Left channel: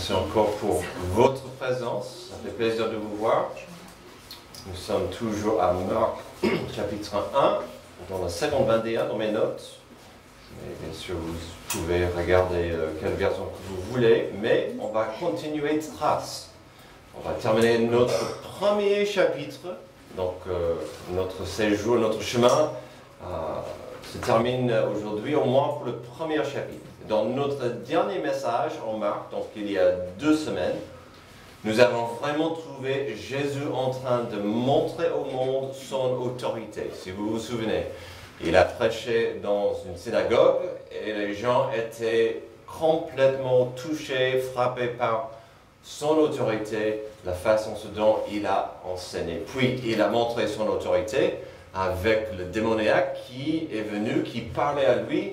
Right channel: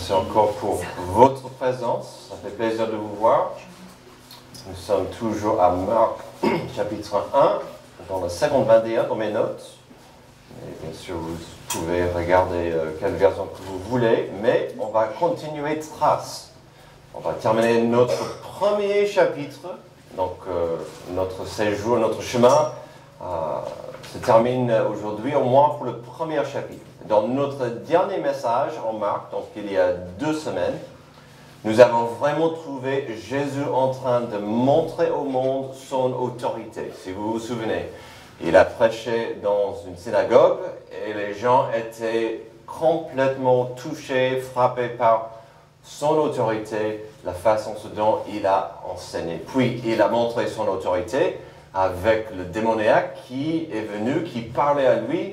Merci encore pour votre présence. Ça fait plaisir de vous voir. Nous sommes toujours à Marc chapitre 1, dans la seconde 21 dans mes notes. Et bien sûr, vous pouvez regarder quelle version que vous voulez, mais on va continuer trace. On va terminer notre premier chapitre. Donc, notre séjour, notre chemin se termine aujourd'hui, au moins pour le premier chapitre. Dans notre dernier message en Marc, donc il y a 2 semaines, nous avons vraiment trouvé Jésus en train de montrer au monde son autorité. Si vous vous souvenez, il a prêché dans une synagogue et les gens étaient complètement touchés, frappés par son autorité, la façon dont il a enseigné. Puis il a montré son autorité avec le démoniaque qui est venu, qui parlait à lui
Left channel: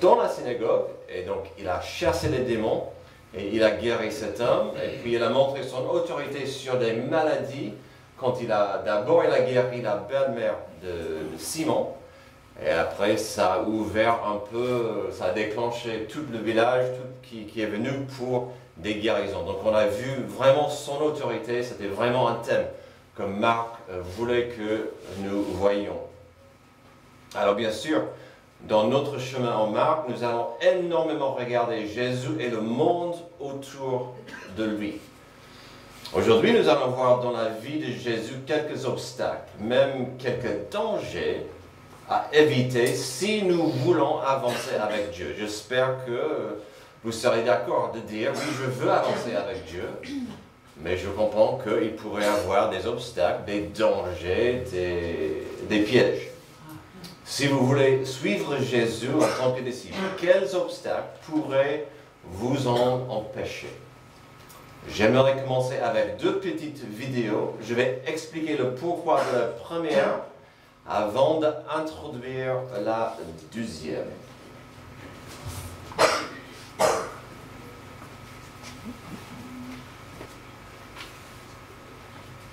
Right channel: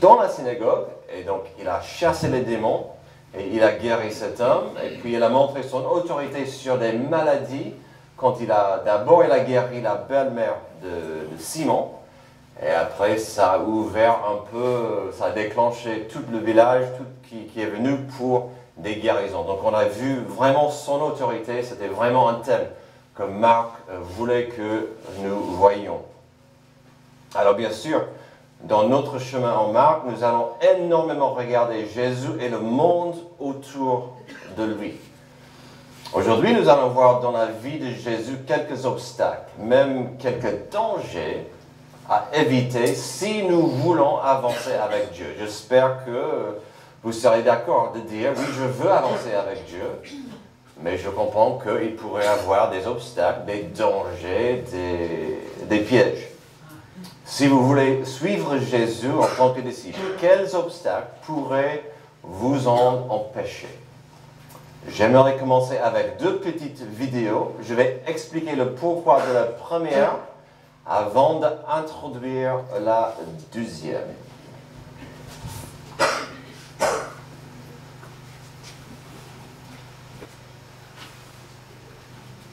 dans la synagogue, et donc il a chassé les démons, et il a guéri cet homme, et puis il a montré son autorité sur des maladies, quand d'abord il a guéri la belle-mère de Simon, et après ça a ouvert un peu, ça a déclenché tout le village, qui est venu pour des guérisons. Donc on a vu vraiment son autorité, c'était vraiment un thème que Marc voulait que nous voyions. Alors bien sûr, dans notre chemin en Marc, nous allons énormément regarder Jésus et le monde autour de lui. Aujourd'hui, nous allons voir dans la vie de Jésus quelques obstacles, même quelques dangers à éviter si nous voulons avancer avec Dieu. J'espère que vous serez d'accord de dire, oui, je veux avancer avec Dieu, mais je comprends qu'il pourrait y avoir des obstacles, des dangers, des pièges. Si vous voulez suivre Jésus en tant que disciple, quels obstacles pourraient vous en empêcher? J'aimerais commencer avec 2 petites vidéos. Je vais expliquer le pourquoi de la première avant d'introduire la deuxième.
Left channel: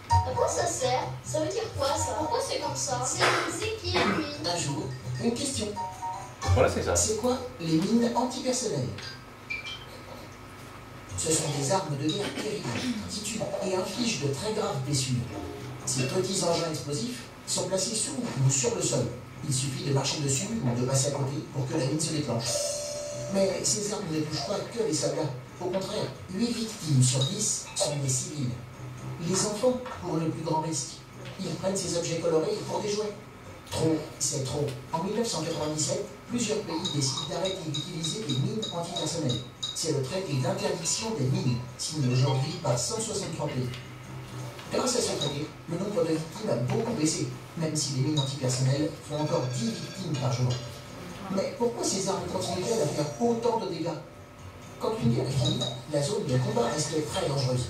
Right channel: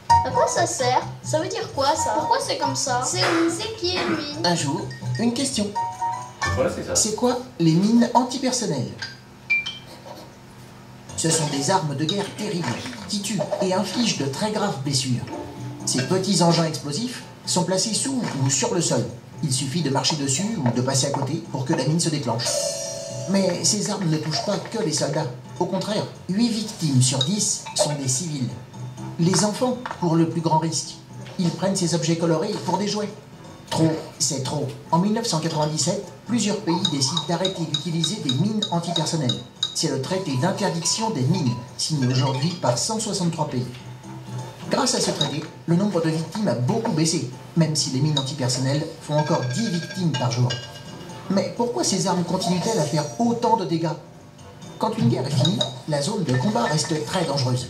À quoi ça sert? Ça veut dire quoi ça? Pourquoi c'est comme ça? C'est qui lui? Un jour, une question. Voilà, c'est ça. C'est quoi les mines antipersonnelles? Ce sont des armes de guerre terribles qui tuent et infligent de très graves blessures. Ces petits engins explosifs sont placés sous ou sur le sol. Il suffit de marcher dessus ou de passer à côté pour que la mine se déclenche. Mais ces armes ne touchent pas que les soldats. Au contraire, 8 victimes sur 10 sont des civils. Les enfants pour le plus grand risque. Ils prennent ces objets colorés pour des jouets. Trop, c'est trop. En 1997, plusieurs pays décident d'arrêter d'utiliser des mines antipersonnelles. C'est le traité d'interdiction des mines, signé aujourd'hui par 163 pays. Grâce à ce traité, le nombre de victimes a beaucoup baissé, même si les mines antipersonnelles font encore 10 victimes par jour. Mais pourquoi ces armes continuent-elles à faire autant de dégâts? Quand une guerre est finie, la zone de combat reste très dangereuse.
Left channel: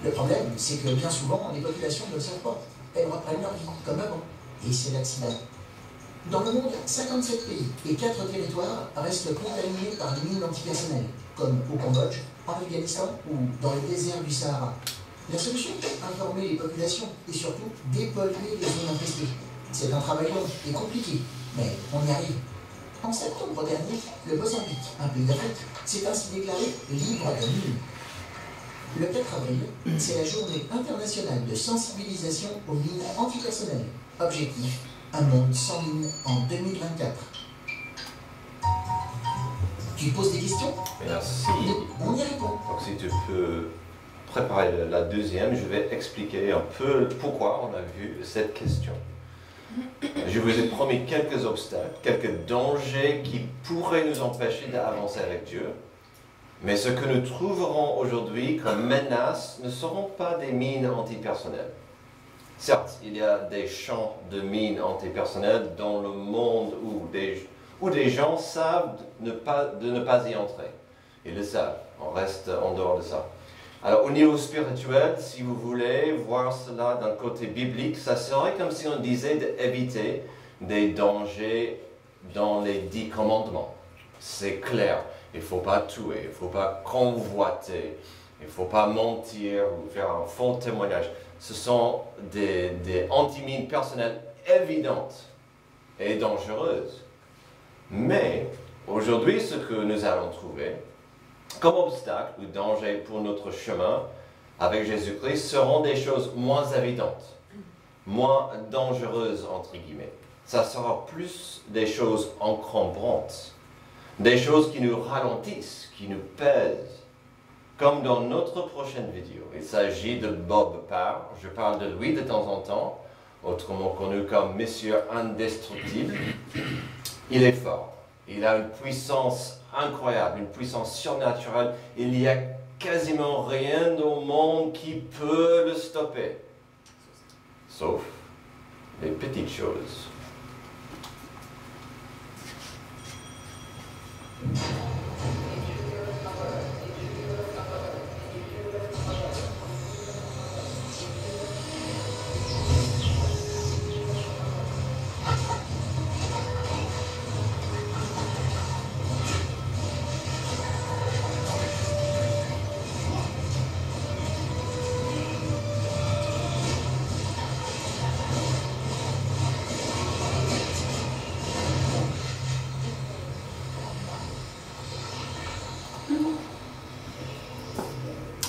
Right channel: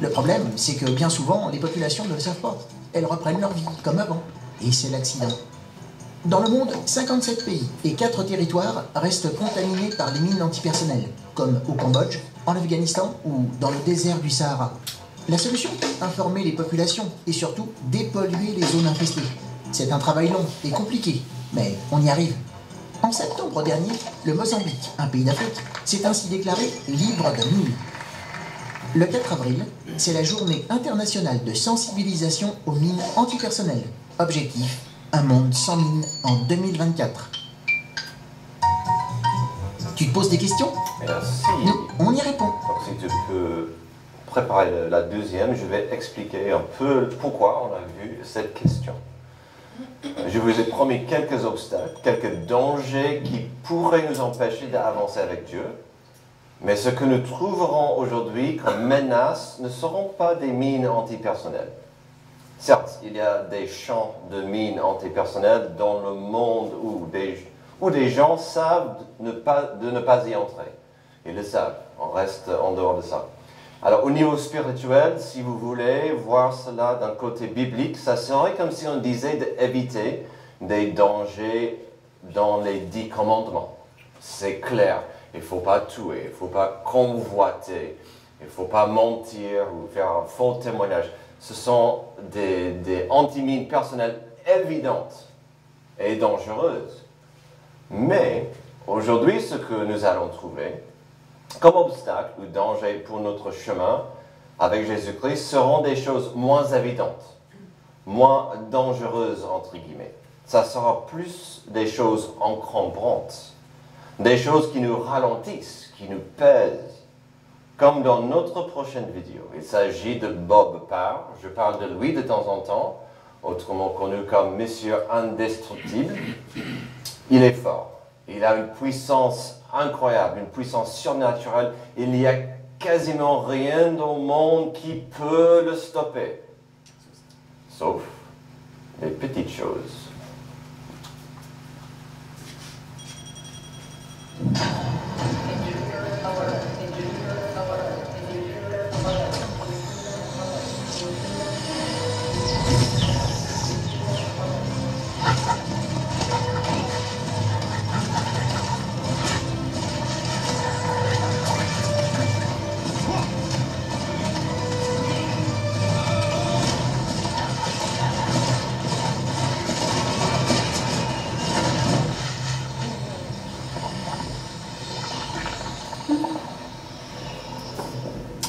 Le problème, c'est que bien souvent, les populations ne le savent pas. Elles reprennent leur vie, comme avant. Et c'est l'accident. Dans le monde, 57 pays et 4 territoires restent contaminés par les mines antipersonnelles, comme au Cambodge, en Afghanistan ou dans le désert du Sahara. La solution? Informer les populations et surtout dépolluer les zones infestées. C'est un travail long et compliqué, mais on y arrive. En septembre dernier, le Mozambique, un pays d'Afrique, s'est ainsi déclaré libre de mines. Le 4 avril, c'est la journée internationale de sensibilisation aux mines antipersonnelles. Objectif, un monde sans mines en 2024. Tu te poses des questions? Merci. Nous, on y répond. Donc si tu peux préparer la deuxième, je vais expliquer un peu pourquoi on a vu cette question. Je vous ai promis quelques obstacles, quelques dangers qui pourraient nous empêcher d'avancer avec Dieu. Mais ce que nous trouverons aujourd'hui comme menace ne seront pas des mines antipersonnelles. Certes, il y a des champs de mines antipersonnelles dans le monde où des gens savent de ne pas y entrer. Ils le savent, on reste en dehors de ça. Alors au niveau spirituel, si vous voulez voir cela d'un côté biblique, ça serait comme si on disait d'éviter des dangers dans les 10 commandements. C'est clair. Il ne faut pas tuer, il ne faut pas convoiter, il ne faut pas mentir ou faire un faux témoignage. Ce sont des antimines personnelles évidentes et dangereuses. Mais aujourd'hui, ce que nous allons trouver, comme obstacle ou danger pour notre chemin avec Jésus-Christ seront des choses moins évidentes, moins dangereuses, entre guillemets. Ça sera plus des choses encombrantes, des choses qui nous ralentissent, qui nous pèsent. Comme dans notre prochaine vidéo, il s'agit de Bob Parr. Je parle de lui de temps en temps, autrement connu comme Monsieur Indestructible. Il est fort. Il a une puissance incroyable, une puissance surnaturelle. Il n'y a quasiment rien au monde qui peut le stopper. Sauf les petites choses.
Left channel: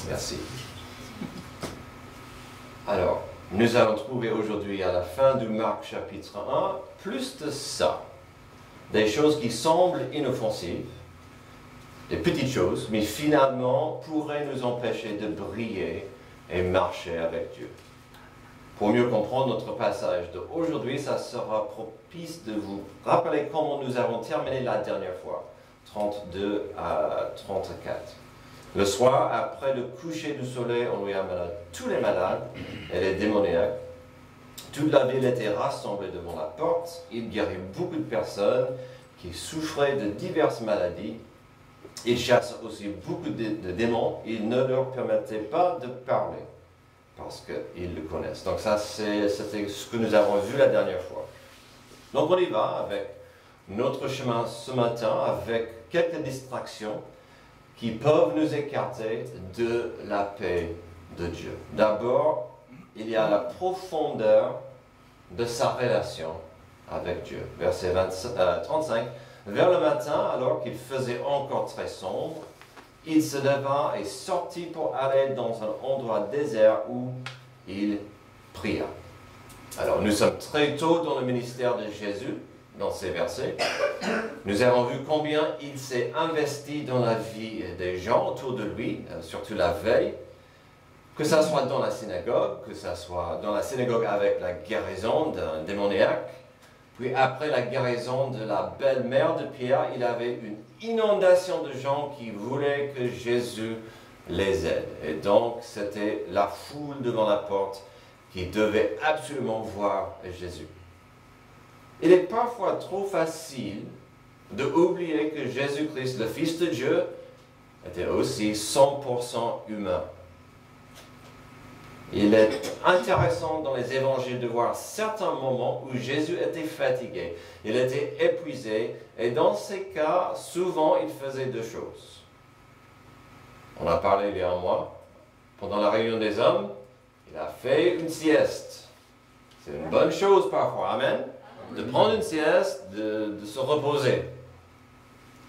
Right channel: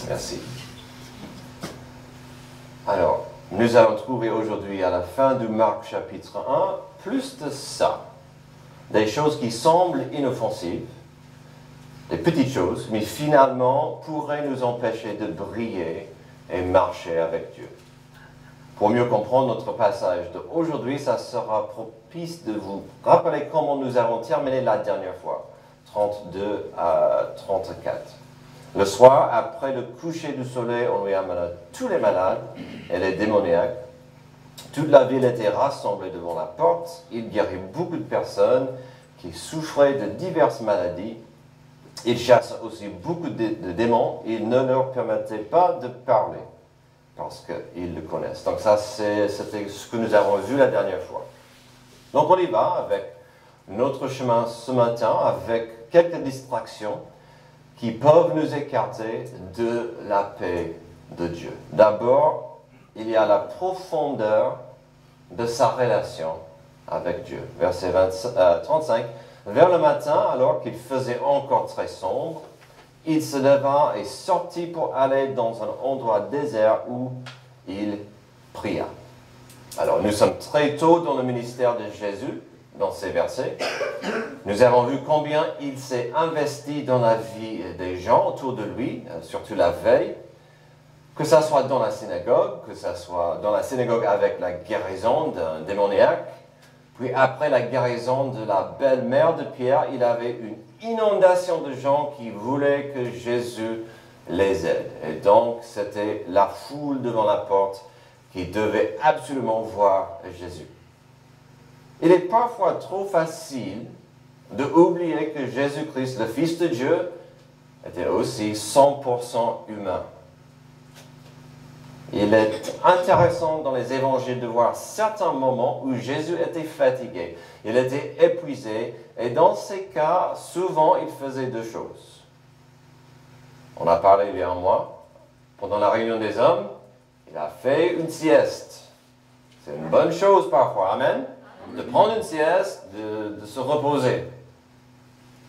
Merci. Alors, nous allons trouver aujourd'hui à la fin du Marc chapitre 1, plus de ça. Des choses qui semblent inoffensives, des petites choses, mais finalement pourraient nous empêcher de briller et marcher avec Dieu. Pour mieux comprendre notre passage d'aujourd'hui, ça sera propice de vous rappeler comment nous avons terminé la dernière fois, 32 à 34. Le soir, après le coucher du soleil, on lui amena tous les malades et les démoniaques. Toute la ville était rassemblée devant la porte. Il guérit beaucoup de personnes qui souffraient de diverses maladies. Il chasse aussi beaucoup de démons. Il ne leur permettait pas de parler parce qu'ils le connaissent. Donc ça, c'était ce que nous avons vu la dernière fois. Donc on y va avec notre chemin ce matin, avec quelques distractions qui peuvent nous écarter de la paix de Dieu. D'abord, il y a la profondeur de sa relation avec Dieu. Verset 35. Vers le matin, alors qu'il faisait encore très sombre, il se leva et sortit pour aller dans un endroit désert où il pria. Alors, nous sommes très tôt dans le ministère de Jésus, dans ces versets. Nous avons vu combien il s'est investi dans la vie des gens autour de lui, surtout la veille, que ce soit dans la synagogue, que ce soit dans la synagogue avec la guérison d'un démoniaque, puis après la guérison de la belle-mère de Pierre, il avait une inondation de gens qui voulaient que Jésus les aide. Et donc, c'était la foule devant la porte qui devait absolument voir Jésus. Il est parfois trop facile de oublier que Jésus-Christ, le Fils de Dieu, était aussi 100% humain. Il est intéressant dans les évangiles de voir certains moments où Jésus était fatigué, il était épuisé, et dans ces cas, souvent, il faisait deux choses. On a parlé il y a un mois, pendant la réunion des hommes, il a fait une sieste. C'est une bonne chose parfois, amen, de prendre une sieste, de se reposer.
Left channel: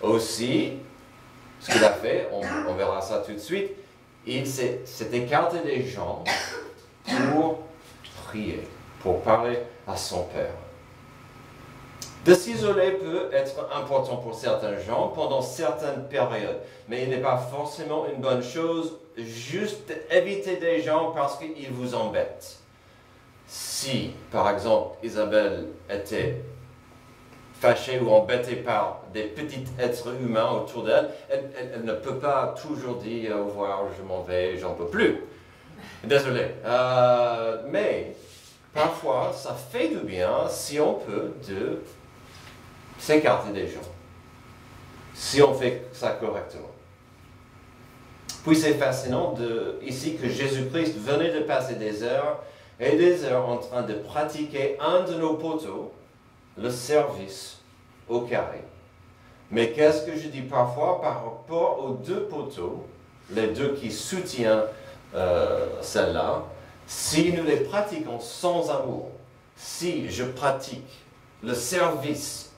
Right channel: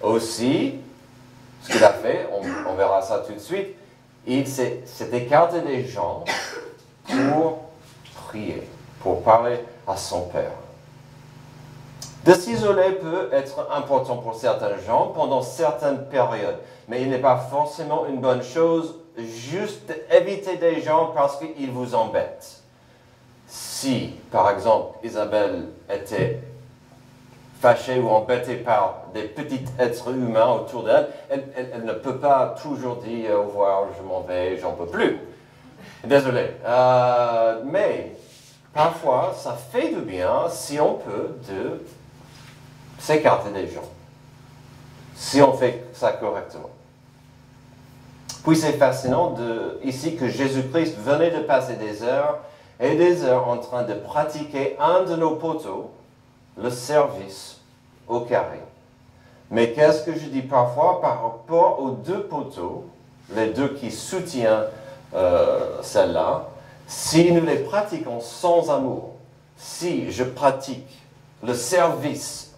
Aussi, ce qu'il a fait, on verra ça tout de suite, il s'est écarté des gens pour prier, pour parler à son Père. De s'isoler peut être important pour certains gens pendant certaines périodes, mais il n'est pas forcément une bonne chose juste éviter des gens parce qu'ils vous embêtent. Si, par exemple, Isabelle était fâchée ou embêtée par des petits êtres humains autour d'elle, elle ne peut pas toujours dire au revoir, je m'en vais, j'en peux plus. Désolé. Mais parfois, ça fait du bien, si on peut, de s'écarter des gens. Si on fait ça correctement. Puis c'est fascinant ici que Jésus-Christ venait de passer des heures et des heures en train de pratiquer un de nos poteaux, le service au carré. Mais qu'est-ce que je dis parfois par rapport aux deux poteaux, les deux qui soutiennent celle-là, si nous les pratiquons sans amour, si je pratique le service,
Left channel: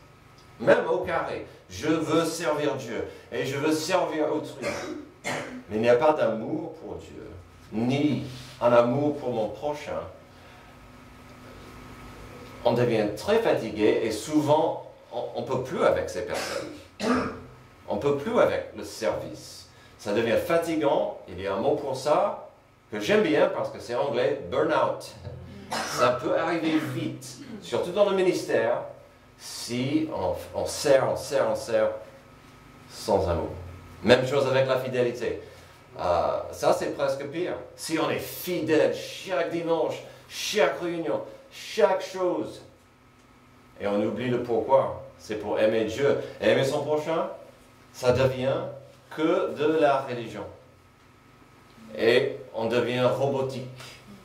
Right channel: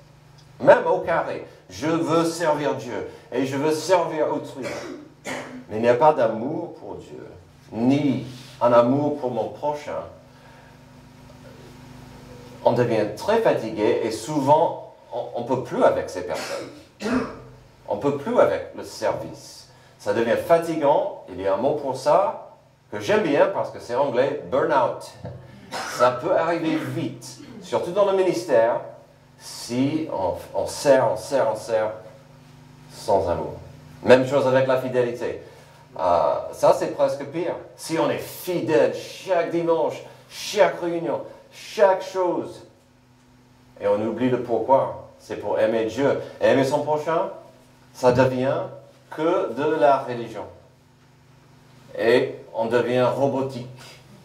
même au carré, Je veux servir Dieu et je veux servir autrui. Mais il n'y a pas d'amour pour Dieu, ni un amour pour mon prochain. On devient très fatigué et souvent, on ne peut plus avec ces personnes. On ne peut plus avec le service. Ça devient fatigant. Il y a un mot pour ça que j'aime bien parce que c'est anglais, burn-out. Ça peut arriver vite, surtout dans le ministère, si on sert sans amour. Même chose avec la fidélité. Ça, c'est presque pire. Si on est fidèle chaque dimanche, chaque réunion, chaque chose, et on oublie le pourquoi, c'est pour aimer Dieu et aimer son prochain, ça devient que de la religion. Et on devient robotique,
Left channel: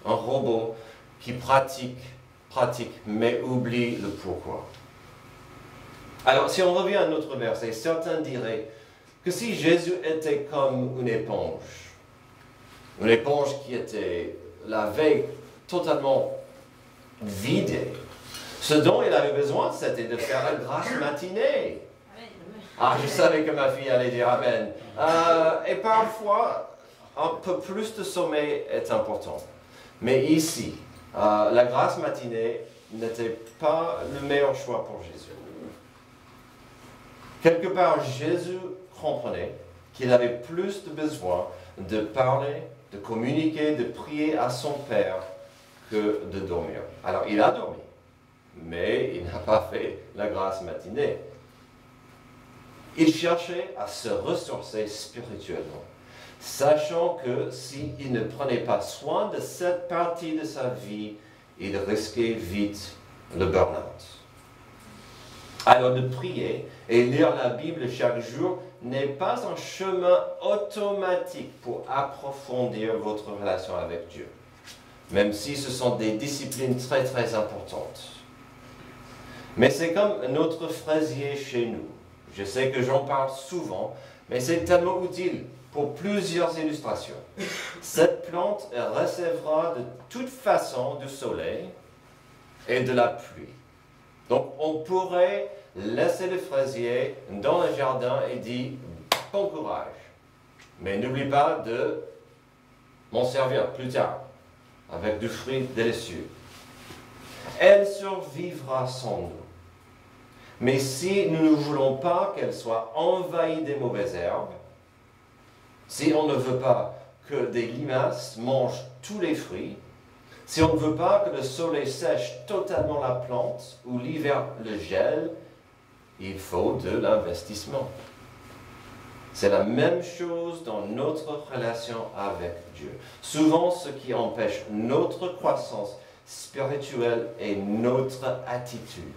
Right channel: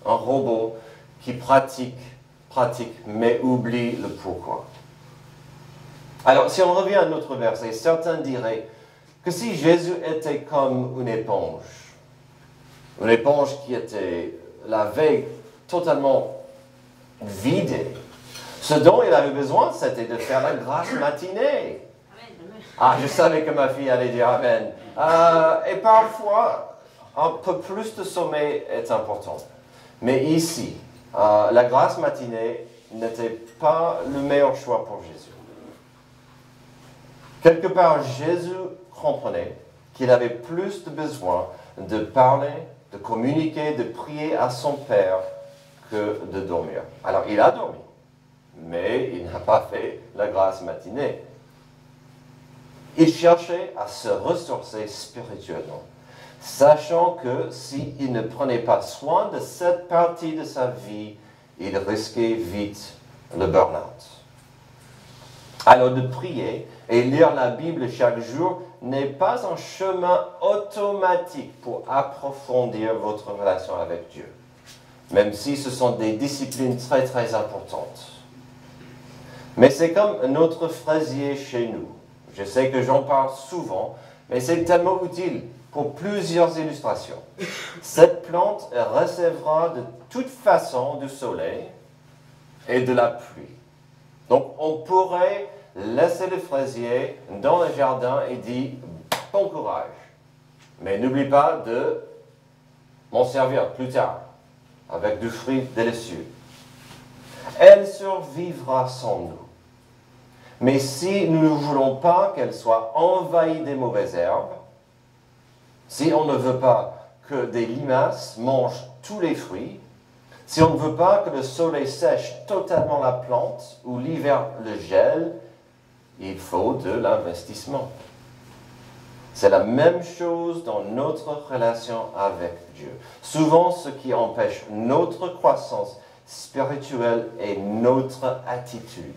un robot qui pratique, mais oublie le pourquoi. Alors, si on revient à notre verset, certains diraient que si Jésus était comme une éponge qui était la veille totalement vidée, ce dont il avait besoin, c'était de faire la grasse matinée. Ah, je savais que ma fille allait dire Amen. Et parfois, un peu plus de sommeil est important. Mais ici, la grasse matinée n'était pas le meilleur choix pour Jésus. Quelque part, Jésus comprenait qu'il avait plus de besoin de parler, de communiquer, de prier à son Père que de dormir. Alors, il a dormi, mais il n'a pas fait la grasse matinée. Il cherchait à se ressourcer spirituellement, sachant que s'il ne prenait pas soin de cette partie de sa vie, il risquait vite le burn-out. Alors de prier et lire la Bible chaque jour n'est pas un chemin automatique pour approfondir votre relation avec Dieu, même si ce sont des disciplines très très importantes. Mais c'est comme notre fraisier chez nous. Je sais que j'en parle souvent, mais c'est tellement utile pour plusieurs illustrations. Cette plante recevra de toute façon du soleil et de la pluie. Donc on pourrait laisser le fraisier dans le jardin et dire « bon courage ». Mais n'oublie pas de m'en servir plus tard avec du fruit délicieux. Elle survivra sans nous. Mais si nous ne voulons pas qu'elle soit envahie des mauvaises herbes, si on ne veut pas que des limaces mangent tous les fruits, si on ne veut pas que le soleil sèche totalement la plante ou l'hiver le gèle, il faut de l'investissement. C'est la même chose dans notre relation avec Dieu. Souvent, ce qui empêche notre croissance spirituelle est notre attitude.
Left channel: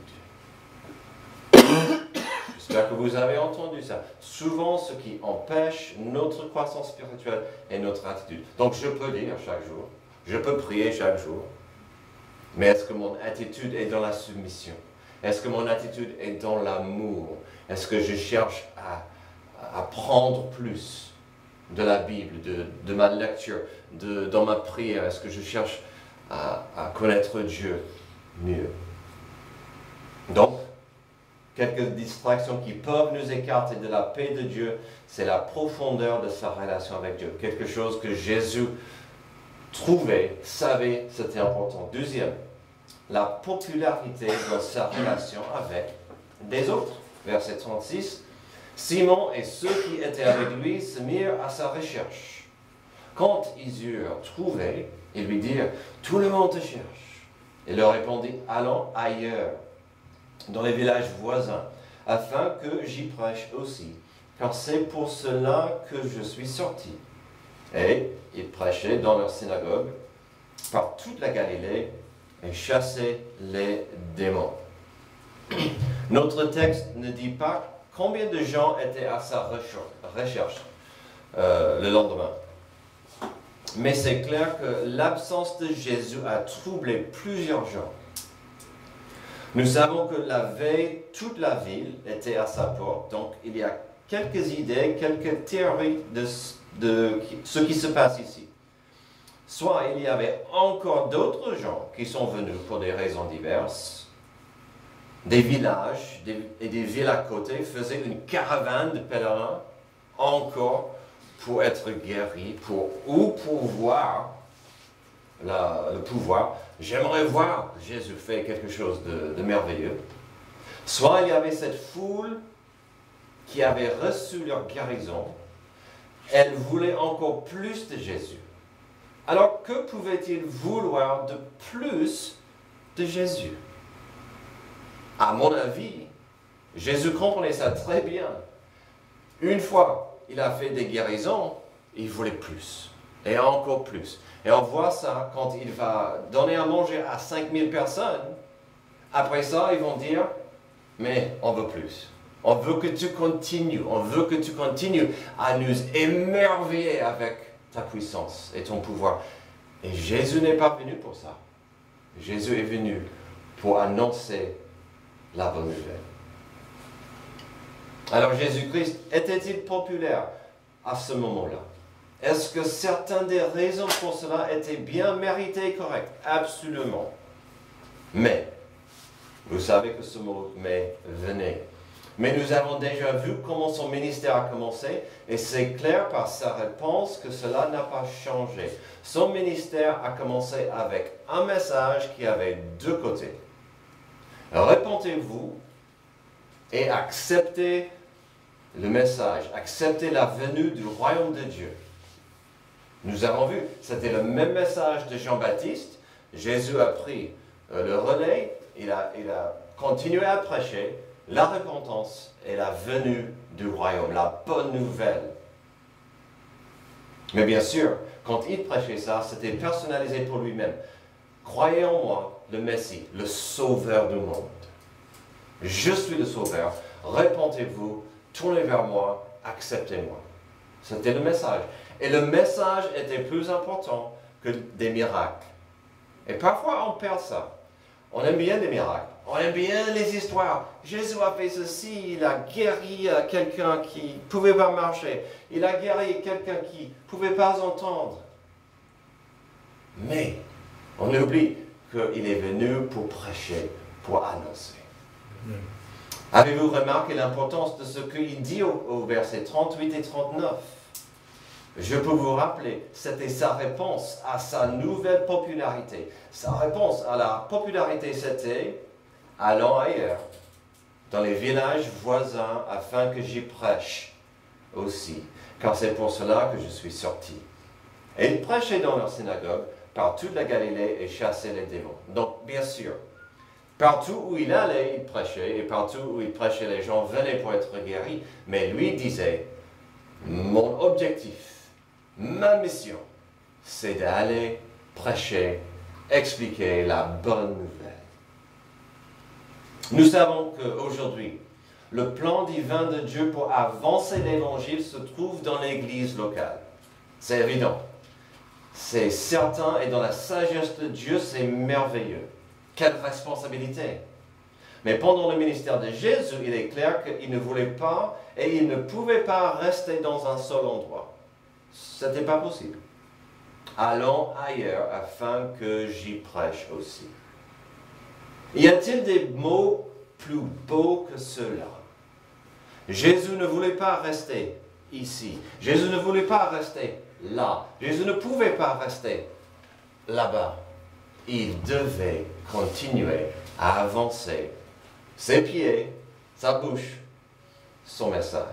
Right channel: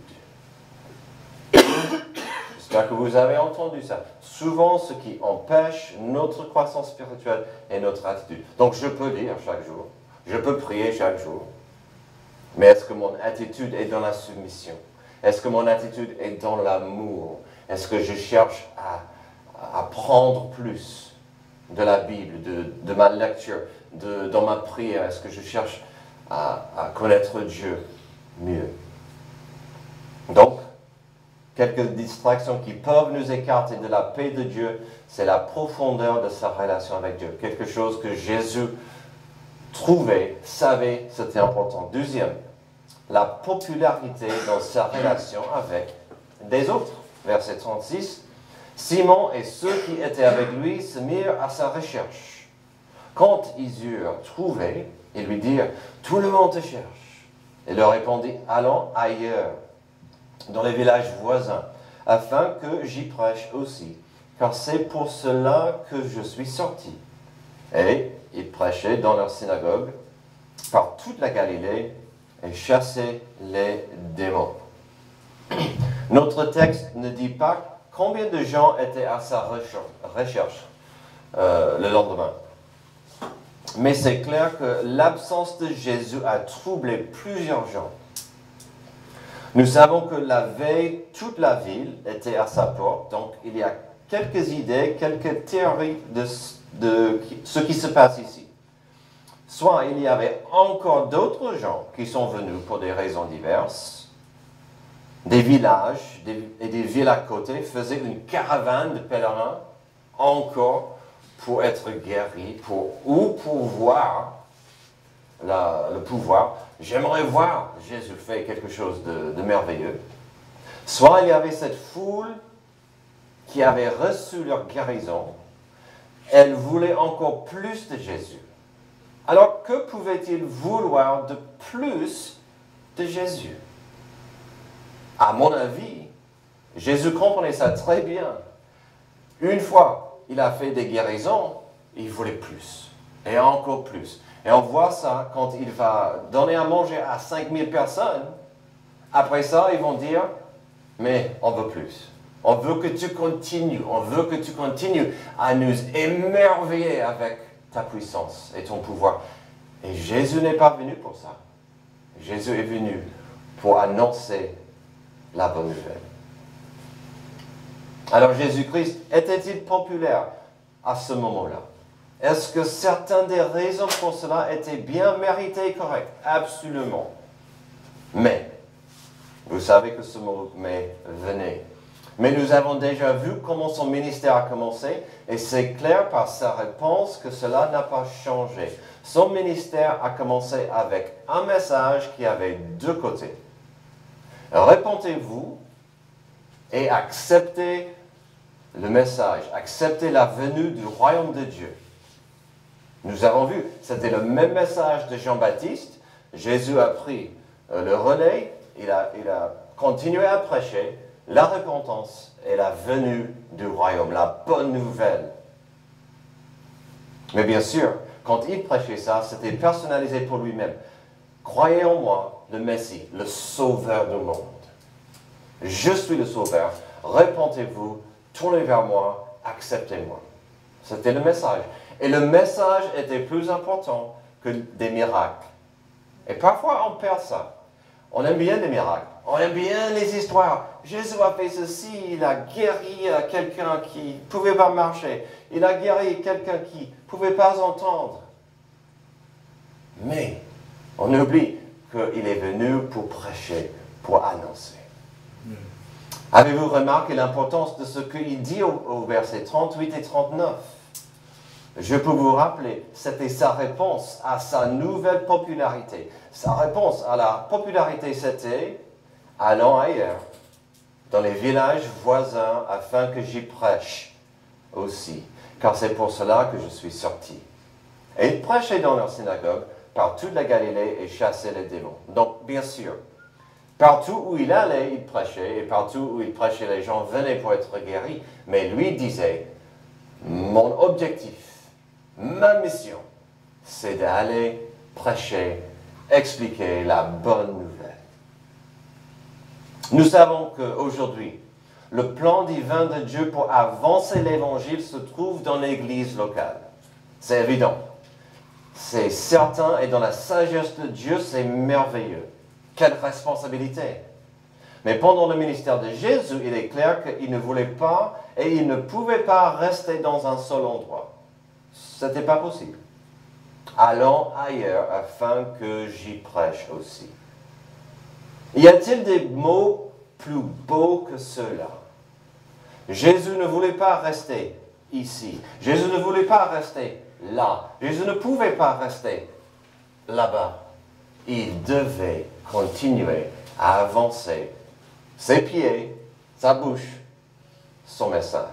J'espère que vous avez entendu ça. Souvent, ce qui empêche notre croissance spirituelle est notre attitude. Donc, je peux lire chaque jour, je peux prier chaque jour, mais est-ce que mon attitude est dans la soumission? Est-ce que mon attitude est dans l'amour? Est-ce que je cherche à apprendre plus de la Bible, de ma lecture, dans ma prière? Est-ce que je cherche à connaître Dieu mieux? Donc, quelques distractions qui peuvent nous écarter de la paix de Dieu, c'est la profondeur de sa relation avec Dieu. Quelque chose que Jésus trouvait, savait, c'était important. Deuxième, la popularité dans sa relation avec des autres. Verset 36, Simon et ceux qui étaient avec lui se mirent à sa recherche. Quand ils eurent trouvé, ils lui dirent, « Tout le monde te cherche. » Il leur répondit, « Allons ailleurs, dans les villages voisins, afin que j'y prêche aussi, car c'est pour cela que je suis sorti. » Et ils prêchaient dans leur synagogue par toute la Galilée et chassaient les démons. Notre texte ne dit pas combien de gens étaient à sa recherche le lendemain. Mais c'est clair que l'absence de Jésus a troublé plusieurs gens. Nous savons que la veille, toute la ville était à sa porte, donc il y a quelques idées, quelques théories de ce qui se passe ici. Soit il y avait encore d'autres gens qui sont venus pour des raisons diverses, des villages et des villes à côté faisaient une caravane de pèlerins encore pour être guéris, ou pour voir le pouvoir. J'aimerais voir Jésus faire quelque chose de merveilleux. Soit il y avait cette foule qui avait reçu leur guérison, elle voulait encore plus de Jésus. Alors que pouvait-il vouloir de plus de Jésus? À mon avis, Jésus comprenait ça très bien. Une fois il a fait des guérisons, il voulait plus, et encore plus. Et on voit ça quand il va donner à manger à 5000 personnes. Après ça, ils vont dire, mais on veut plus. On veut que tu continues, à nous émerveiller avec ta puissance et ton pouvoir. Et Jésus n'est pas venu pour ça. Jésus est venu pour annoncer la bonne nouvelle. Alors Jésus-Christ était-il populaire à ce moment-là? Est-ce que certaines des raisons pour cela étaient bien méritées et correctes? Absolument. Mais, vous savez que ce mot « mais » venait. Mais nous avons déjà vu comment son ministère a commencé, et c'est clair par sa réponse que cela n'a pas changé. Son ministère a commencé avec un message qui avait deux côtés. Répentez-vous et acceptez le message, acceptez la venue du royaume de Dieu. Nous avons vu, c'était le même message de Jean-Baptiste. Jésus a pris le relais, il a continué à prêcher la repentance et la venue du royaume, la bonne nouvelle. Mais bien sûr, quand il prêchait ça, c'était personnalisé pour lui-même. Croyez en moi, le Messie, le sauveur du monde. Je suis le sauveur, repentez-vous, tournez vers moi, acceptez-moi. C'était le message. Et le message était plus important que des miracles. Et parfois on perd ça. On aime bien les miracles. On aime bien les histoires. Jésus a fait ceci, il a guéri quelqu'un qui ne pouvait pas marcher. Il a guéri quelqu'un qui ne pouvait pas entendre. Mais on oublie qu'il est venu pour prêcher, pour annoncer. Avez-vous remarqué l'importance de ce qu'il dit au verset 38 et 39? Je peux vous rappeler, c'était sa réponse à sa nouvelle popularité. Sa réponse à la popularité, c'était « Allons ailleurs, dans les villages voisins, afin que j'y prêche aussi, car c'est pour cela que je suis sorti. » Et il prêchait dans leur synagogue, par toute la Galilée, et chassait les démons. Donc, bien sûr, partout où il allait, il prêchait, et partout où il prêchait, les gens venaient pour être guéris. Mais lui disait, mon objectif, ma mission, c'est d'aller prêcher, expliquer la bonne nouvelle. Nous savons qu'aujourd'hui, le plan divin de Dieu pour avancer l'évangile se trouve dans l'église locale. C'est évident. C'est certain et dans la sagesse de Dieu, c'est merveilleux. Quelle responsabilité! Mais pendant le ministère de Jésus, il est clair qu'il ne voulait pas et il ne pouvait pas rester dans un seul endroit. Ce n'était pas possible. Allons ailleurs afin que j'y prêche aussi. Y a-t-il des mots plus beaux que ceux-là? Jésus ne voulait pas rester ici. Jésus ne voulait pas rester là. Jésus ne pouvait pas rester là-bas. Il devait continuer à avancer ses pieds, sa bouche, son message.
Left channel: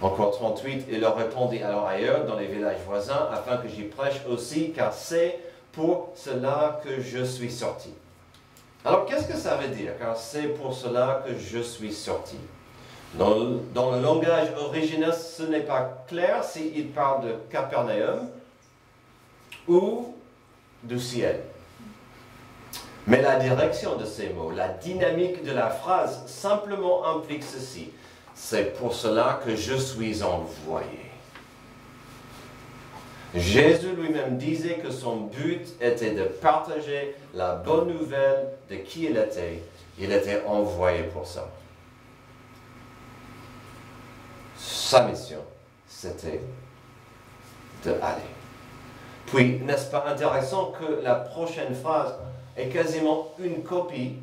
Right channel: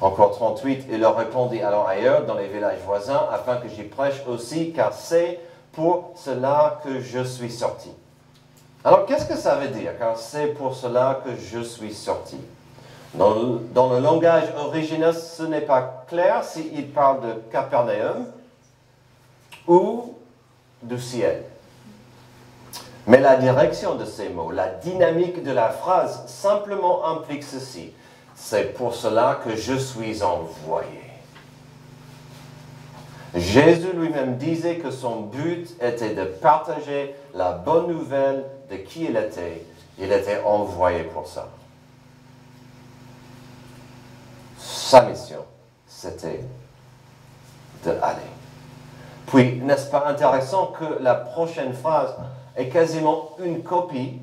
Encore 38, il leur répondit, allons ailleurs dans les villages voisins, afin que j'y prêche aussi, car c'est pour cela que je suis sorti. Alors, qu'est-ce que ça veut dire? Car c'est pour cela que je suis sorti. Dans le langage original, ce n'est pas clair s'il parle de Capernaum ou du ciel. Mais la direction de ces mots, la dynamique de la phrase, simplement implique ceci. C'est pour cela que je suis envoyé. Jésus lui-même disait que son but était de partager la bonne nouvelle de qui il était. Il était envoyé pour ça. Sa mission, c'était d'aller. Puis, n'est-ce pas intéressant que la prochaine phrase est quasiment une copie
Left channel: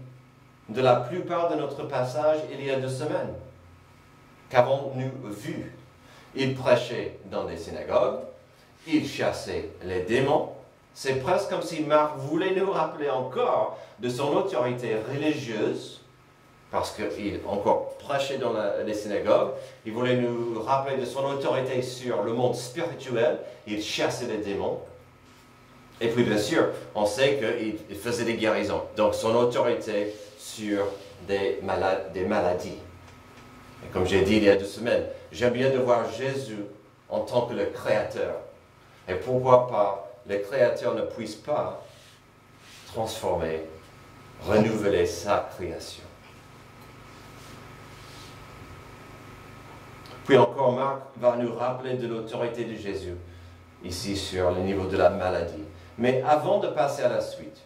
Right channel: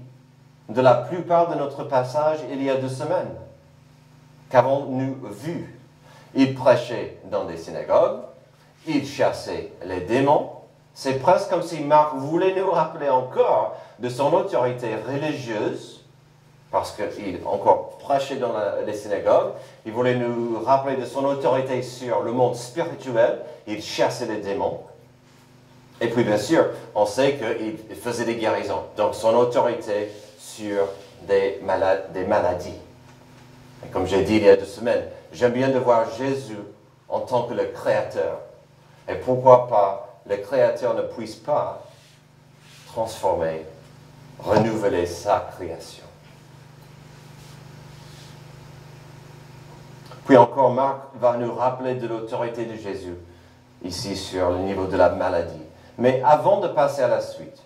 de la plupart de notre passage il y a 2 semaines? Qu'avons-nous vu? Il prêchait dans des synagogues, il chassait les démons. C'est presque comme si Marc voulait nous rappeler encore de son autorité religieuse, parce qu'il encore prêchait dans les synagogues. Il voulait nous rappeler de son autorité sur le monde spirituel. Il chassait les démons. Et puis bien sûr, on sait qu'il faisait des guérisons. Donc son autorité sur des maladies. Et comme j'ai dit il y a 2 semaines, j'aime bien de voir Jésus en tant que le Créateur. Et pourquoi pas le Créateur ne puisse pas transformer, renouveler sa création. Puis encore, Marc va nous rappeler de l'autorité de Jésus, ici sur le niveau de la maladie. Mais avant de passer à la suite,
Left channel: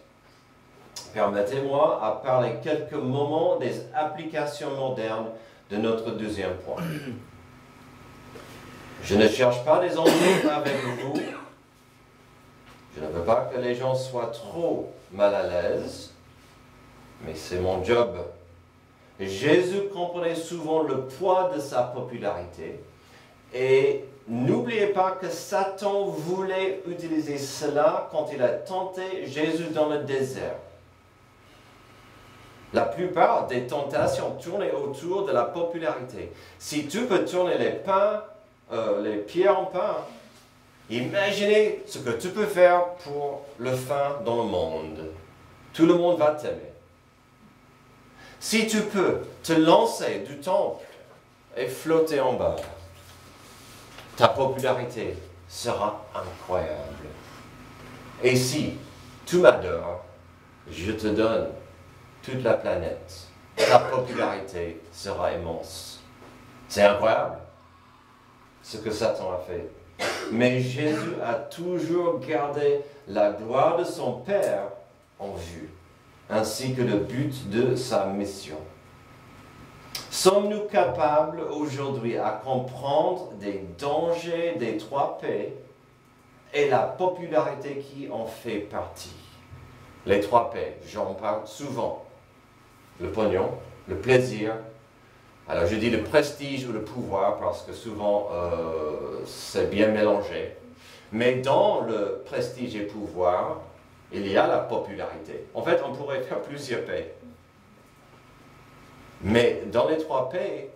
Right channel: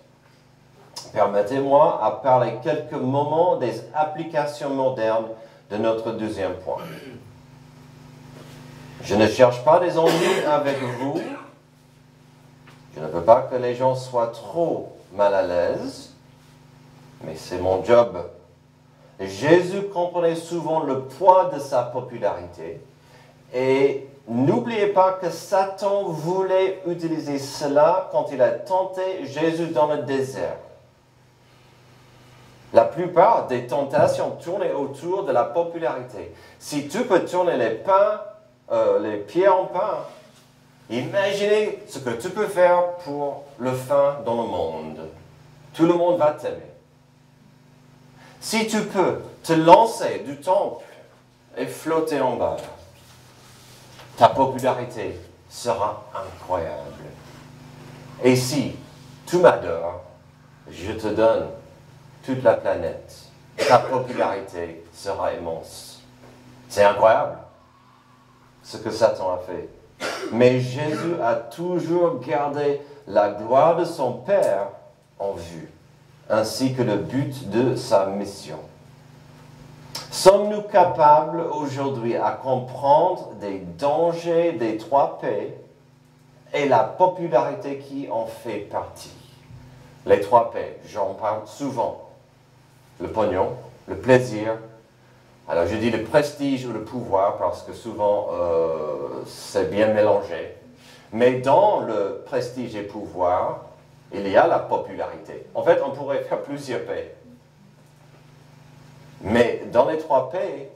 permettez-moi de parler quelques moments des applications modernes de notre deuxième point. Je ne cherche pas des ennuis avec vous. Je ne veux pas que les gens soient trop mal à l'aise, mais c'est mon job. Jésus comprenait souvent le poids de sa popularité et n'oubliez pas que Satan voulait utiliser cela quand il a tenté Jésus dans le désert. La plupart des tentations tournaient autour de la popularité. Si tu peux tourner les pierres en pain, imaginez ce que tu peux faire pour le fin dans le monde. Tout le monde va t'aimer. Si tu peux te lancer du temple et flotter en bas, ta popularité sera incroyable. Et si tu m'adores, je te donne toute la planète. Ta popularité sera immense. C'est incroyable ce que Satan a fait. Mais Jésus a toujours gardé la gloire de son Père en vue, ainsi que le but de sa mission. Sommes-nous capables aujourd'hui à comprendre des dangers des 3 P et la popularité qui en fait partie? Les 3 P, j'en parle souvent. Le pognon, le plaisir. Alors je dis le prestige ou le pouvoir parce que souvent c'est bien mélangé. Mais dans le prestige et pouvoir, il y a la popularité. En fait, on pourrait faire plusieurs P. Mais dans les 3 P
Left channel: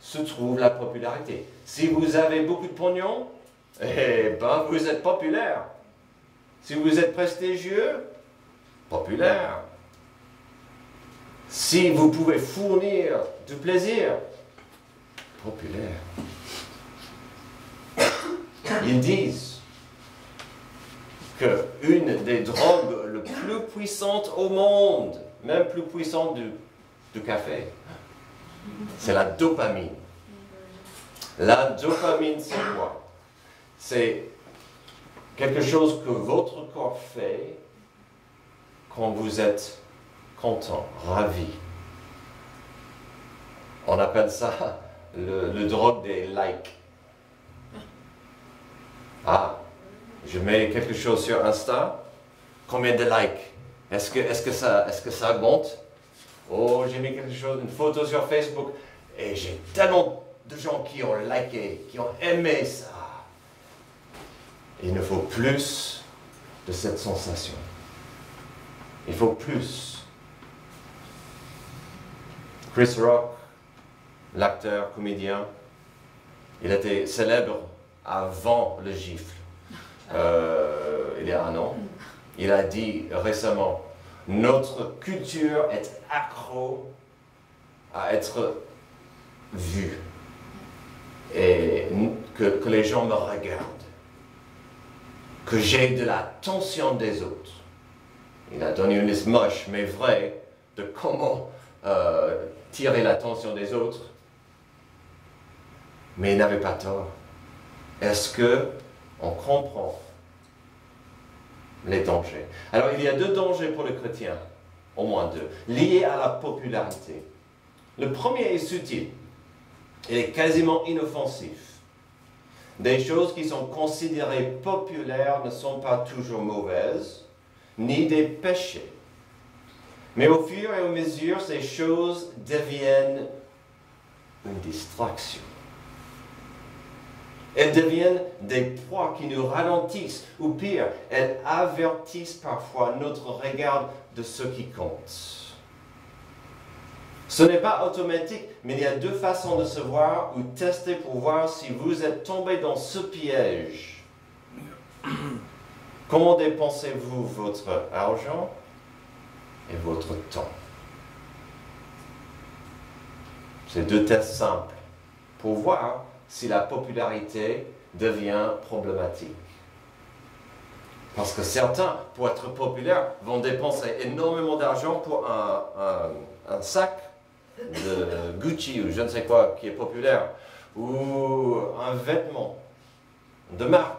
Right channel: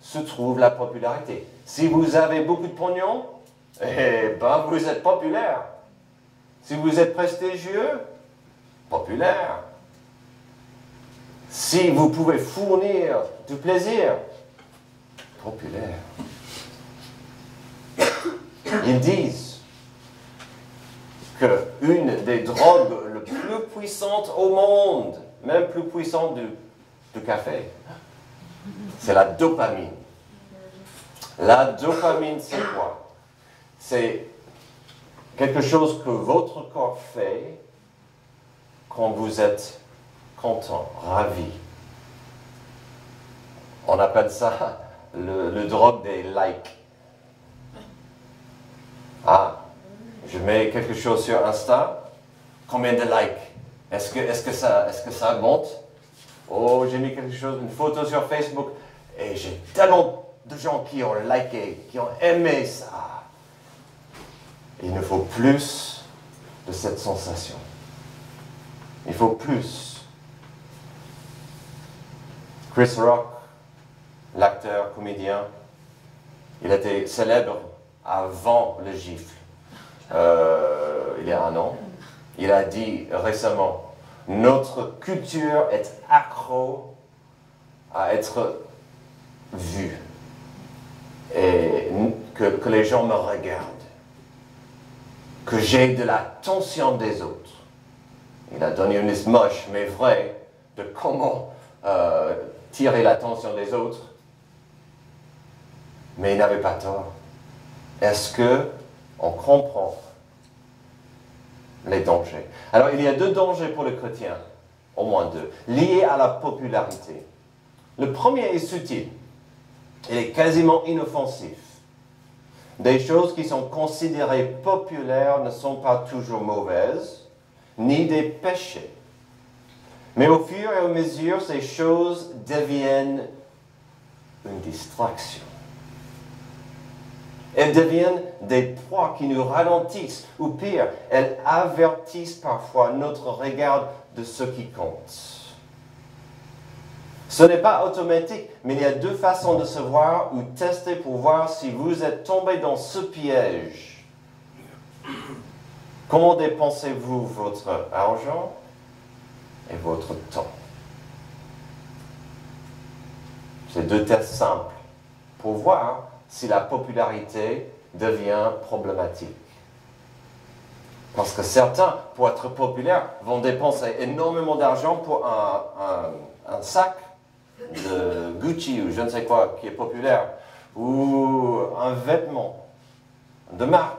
se trouve la popularité. Si vous avez beaucoup de pognon, eh ben vous êtes populaire. Si vous êtes prestigieux, populaire. Si vous pouvez fournir du plaisir, populaire. Ils disent qu'une des drogues les plus puissantes au monde, même plus puissante du café, c'est la dopamine. La dopamine, c'est quoi? C'est quelque chose que votre corps fait quand vous êtes content, ravi. On appelle ça le drogue des likes. Ah, je mets quelque chose sur Insta, combien de likes? Est-ce que ça augmente? Oh, j'ai mis quelque chose, une photo sur Facebook, et j'ai tellement de gens qui ont liké, qui ont aimé ça. Il nous faut plus de cette sensation. Il faut plus. Chris Rock, l'acteur, comédien, il était célèbre avant le gifle. Il y a 1 an. Il a dit récemment, notre culture est accro à être vue et que les gens me regardent, que j'ai de l'attention des autres. Il a donné une liste moche mais vraie de comment tirer l'attention des autres, mais il n'avait pas tort. Est-ce qu'on comprend les dangers? Alors il y a 2 dangers pour le chrétien, au moins 2, liés à la popularité. Le premier est subtil, il est quasiment inoffensif. Des choses qui sont considérées populaires ne sont pas toujours mauvaises, ni des péchés. Mais au fur et à mesure, ces choses deviennent une distraction. Elles deviennent des proies qui nous ralentissent, ou pire, elles avertissent parfois notre regard de ce qui compte. Ce n'est pas automatique, mais il y a deux façons de se voir ou tester pour voir si vous êtes tombé dans ce piège. Comment dépensez-vous votre argent et votre temps? C'est deux tests simples pour voir si la popularité devient problématique. Parce que certains, pour être populaires, vont dépenser énormément d'argent pour un sac de Gucci ou je ne sais quoi qui est populaire, ou un vêtement de marque,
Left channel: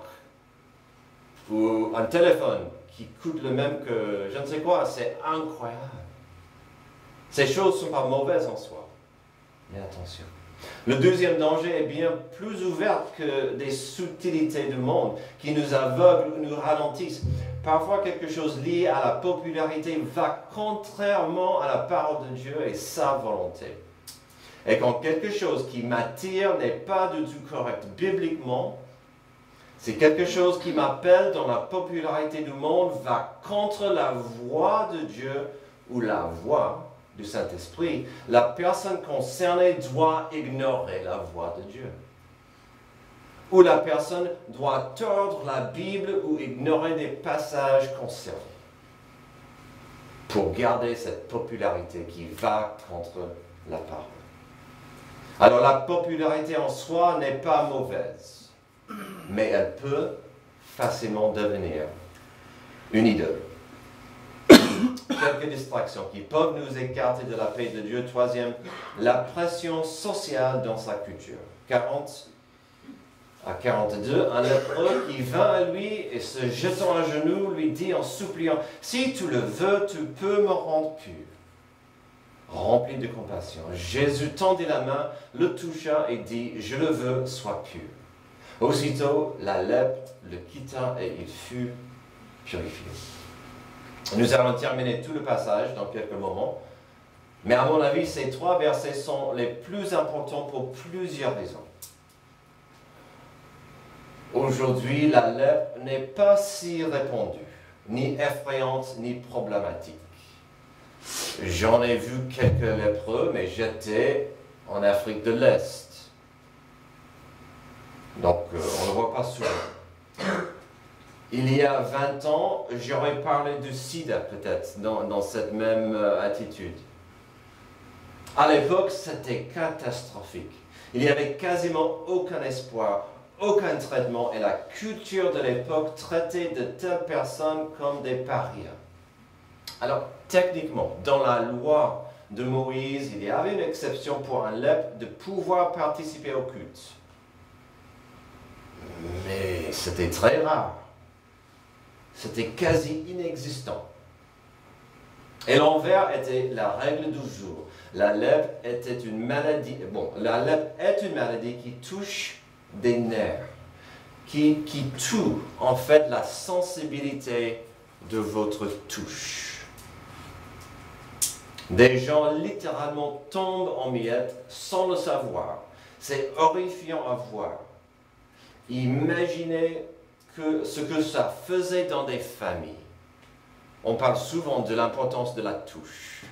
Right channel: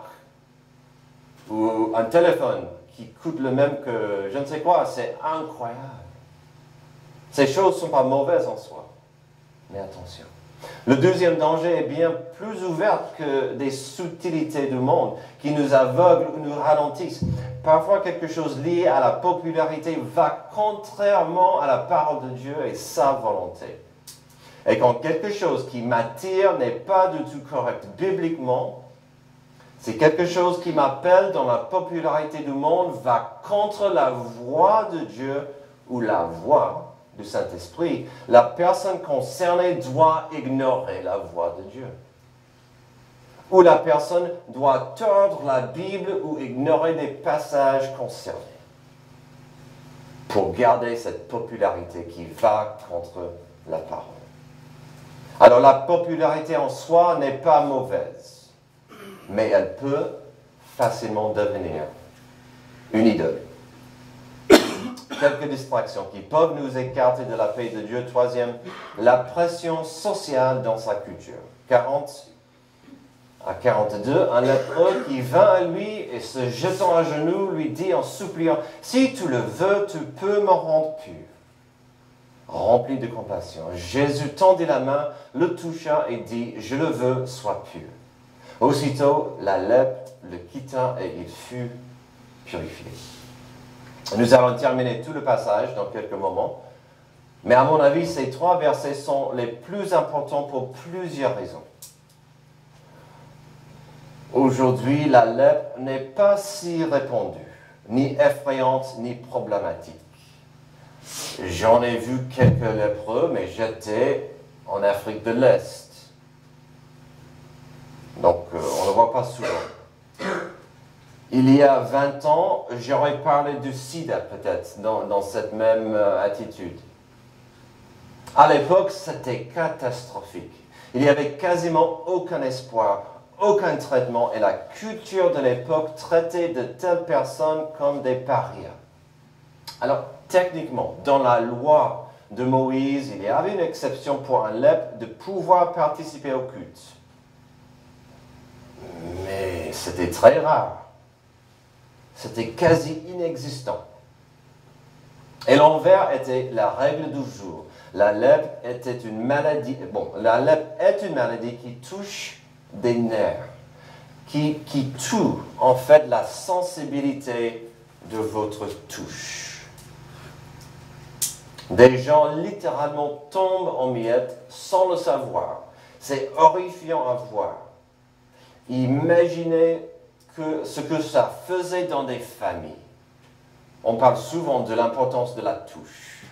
ou un téléphone qui coûte le même que je ne sais quoi. C'est incroyable. Ces choses ne sont pas mauvaises en soi, mais attention. Le deuxième danger est bien plus ouvert que des subtilités du monde qui nous aveuglent ou nous ralentissent. Parfois, quelque chose lié à la popularité va contrairement à la parole de Dieu et sa volonté. Et quand quelque chose qui m'attire n'est pas du tout correct bibliquement, c'est quelque chose qui m'appelle dans la popularité du monde, va contre la voix de Dieu ou la voix du Saint-Esprit, la personne concernée doit ignorer la voix de Dieu. Ou la personne doit tordre la Bible ou ignorer des passages concernés pour garder cette popularité qui va contre la parole. Alors la popularité en soi n'est pas mauvaise, mais elle peut facilement devenir une idole. Quelques distractions qui peuvent nous écarter de la paix de Dieu. Troisième, la pression sociale dans sa culture. 40 à 42, un lépreux qui vint à lui et se jetant à genoux lui dit en suppliant, « Si tu le veux, tu peux me rendre pur. » Rempli de compassion, Jésus tendit la main, le toucha et dit, « Je le veux, sois pur. » Aussitôt, la lèpre le quitta et il fut purifié. Nous allons terminer tout le passage dans quelques moments, mais à mon avis, ces trois versets sont les plus importants pour plusieurs raisons. Aujourd'hui, la lèpre n'est pas si répandue, ni effrayante, ni problématique. J'en ai vu quelques lépreux, mais j'étais en Afrique de l'Est. Donc, on ne le voit pas souvent. Il y a 20 ans, j'aurais parlé du sida peut-être, dans cette même attitude. À l'époque, c'était catastrophique. Il n'y avait quasiment aucun espoir, aucun traitement, et la culture de l'époque traitait de telles personnes comme des parias. Alors, techniquement, dans la loi de Moïse, il y avait une exception pour un lèpre de pouvoir participer au culte. Mais c'était très rare. C'était quasi inexistant. Et l'envers était la règle du jour. La lèpre était une maladie. Bon, la lèpre est une maladie qui touche des nerfs, qui tue en fait la sensibilité de votre touche. Des gens littéralement tombent en miettes sans le savoir. C'est horrifiant à voir. Imaginez ce que ça faisait dans des familles. On parle souvent de l'importance de la touche.